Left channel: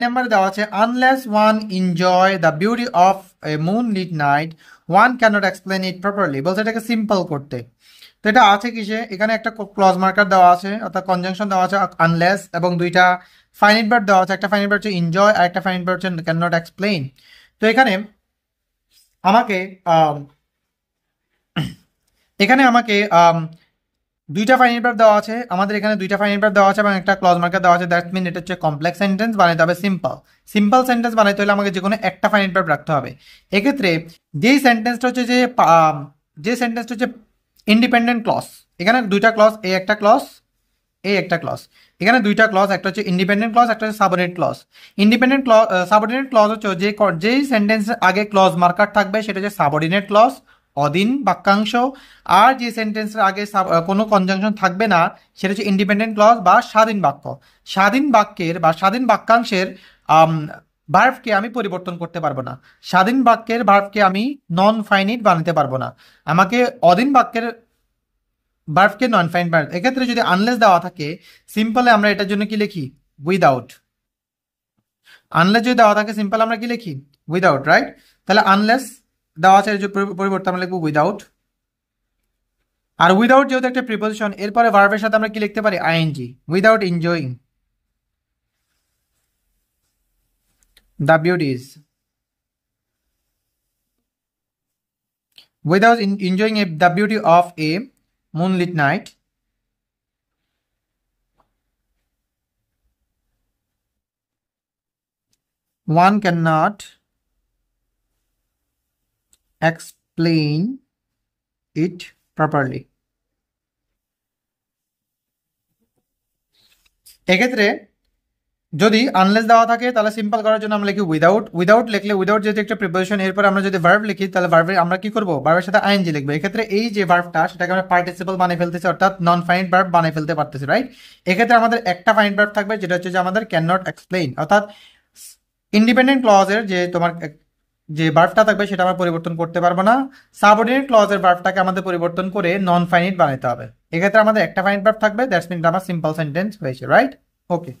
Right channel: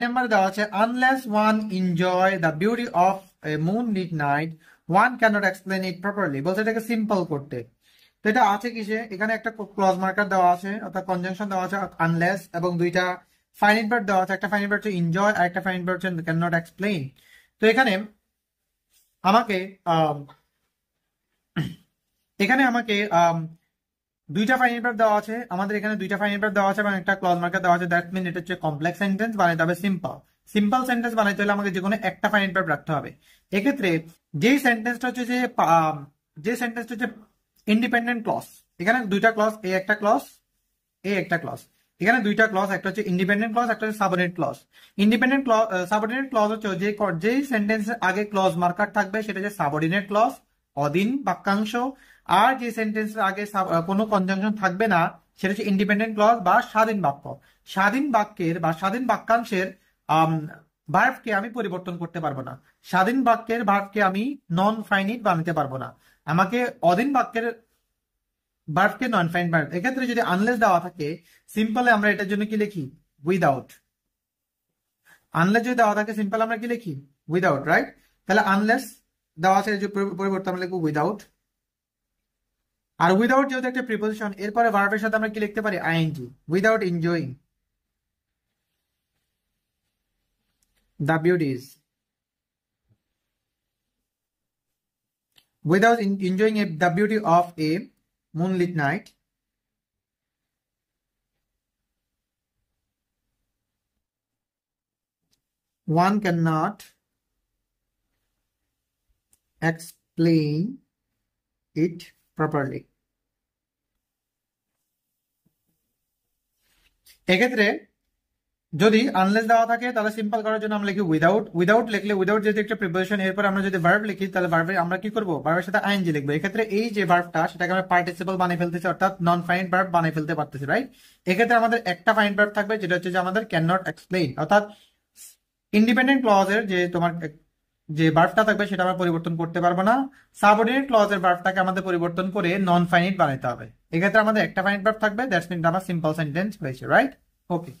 Number দেওয়া আছে unless one enjoy the beauty of a moonlit night one cannot explain it properly, বলছে এটাকে simple করতে। তো এটা আছে কিসে, এখানে একটা ক্লজ মার্কার দেওয়া আছে অর্থাৎ কনজাংশন দেওয়া আছে আনলেস, এবং দুইটা ফাইনাইট ভার্ব দেওয়া আছে, একটা ফাইনাইট ভার্ব হচ্ছে এনজয় আর একটা ফাইনাইট ভার্ব হচ্ছে ক্যানট এক্সপ্লেইন। তো এখানে আমাকে এখানে আমাকে দুইটা ফাইনাইট ভার্ব দেওয়া আছে, আমাদের এখানে দুইটা ফাইনাইট ভার্ব দেওয়া আছে এবং একটা ক্লজ মার্কার দেওয়া আছে। দ্যাট মিন এটা হচ্ছে কমপ্লেক্স সেন্টেন্স বানাইতে হবে সিম্পল। সিম্পল সেন্টেন্স বানাইতে হলে আমাকে যে কোনো একটা ফাইনাইট ভার্ব রাখতে হবে। এক্ষেত্রে যেই সেন্টেন্সটা হচ্ছে যে সেন্টেন্সটা হচ্ছে ইন্ডিপেন্ডেন্ট ক্লজ, এখানে দুইটা ক্লজ, এ একটা ক্লজ, এ একটা ক্লজ, এখানে দুইটা ক্লজ, একটা হচ্ছে ইন্ডিপেন্ডেন্ট ক্লজ, একটা হচ্ছে subordinate clause. Independent clause subordinate clause হচ্ছে যেই সেন্টেন্সের আগে ক্লজ মার্কার থাকবে সেটা হচ্ছে সাবঅর্ডিনেট ক্লজ, অধীন বাক্যাংশ। আর যে সেন্টেন্সের আগে কোনো কনজাংশন থাকবে না সেটা হচ্ছে ইন্ডিপেন্ডেন্ট ক্লজ বা স্বাধীন বাক্য। স্বাধীন বাক্যের বা স্বাধীন বাক্যাংশের ভার্বকে আমি পরিবর্তন করতে পারবো না, স্বাধীন বাক্যের ভার্বকে আমি নন ফাইনিট বানাতে পারবো না, আমাকে অধীন বাক্যের ভার্বকে নন ফাইনিট বানাতে। এক্ষেত্রে যদি আনলেস দেওয়া থাকে সিম্পলে আমরা এটার জন্য কি লিখি, উইদাউট। আনলেস যদি দেওয়া থাকে সিম্পল আমরা কি লিখি, উইদাউট, রাইট? তাহলে আনলেস দেওয়া আছে, এর পরিবর্তে আমরা লিখবো উইদাউট। আর উইদাউট যেহেতু একটা প্রিপোজিশন, এরপরে ভার্বের সাথে আমরা কি লিখতে পারি, ING, without enjoying the beauties, without enjoying the beauty of a moonlit night one cannot explain it properly. এক্ষেত্রে যদি আনলেস দেওয়া থাকে তাহলে সিম্পল করার জন্য আমরা লিখি উইদাউট। উইদাউট লিখলে, উইদাউট যেহেতু একটা প্রিপোজিশন, এরপর আমরা যদি ভার্ব লিখি তাহলে ভার্বে আমরা কি করবো, ভার্বের সাথে আইএনজি লিখবো। এক্ষেত্রে এই যে ভার্বটা সেটাকে আমরা পার্টিসিপল বানিয়ে ফেলতেছি, অর্থাৎ নন ফাইনাইট ভার্ব বানিয়ে ফেলতে পারতেছি, রাইট? এক্ষেত্রে আমাদের একটা ফাইনাইট ভার্ব থাকবে যেটা হচ্ছে যে আমাদের ক্যান নট এক্সপ্লেইন, অর্থাৎ ইন্ডিপেন্ডেন্ট ক্লজের যে তোমার যে ভার্বটা থাকবে সেটা আমরা পরিবর্তন করতে পারবো না। সাবঅর্ডিনেট ক্লজের ভার্বটাকে আমাদের পরিবর্তন করে নন ফাইনাইট বানাতে হবে। এক্ষেত্রে আমাদের একটা ফাইনাইট ভার্ব থাকবে, দ্যাটস মিন আমার সিম্পল সেন্টেন্স হয়েছে, রাইট? ওকে।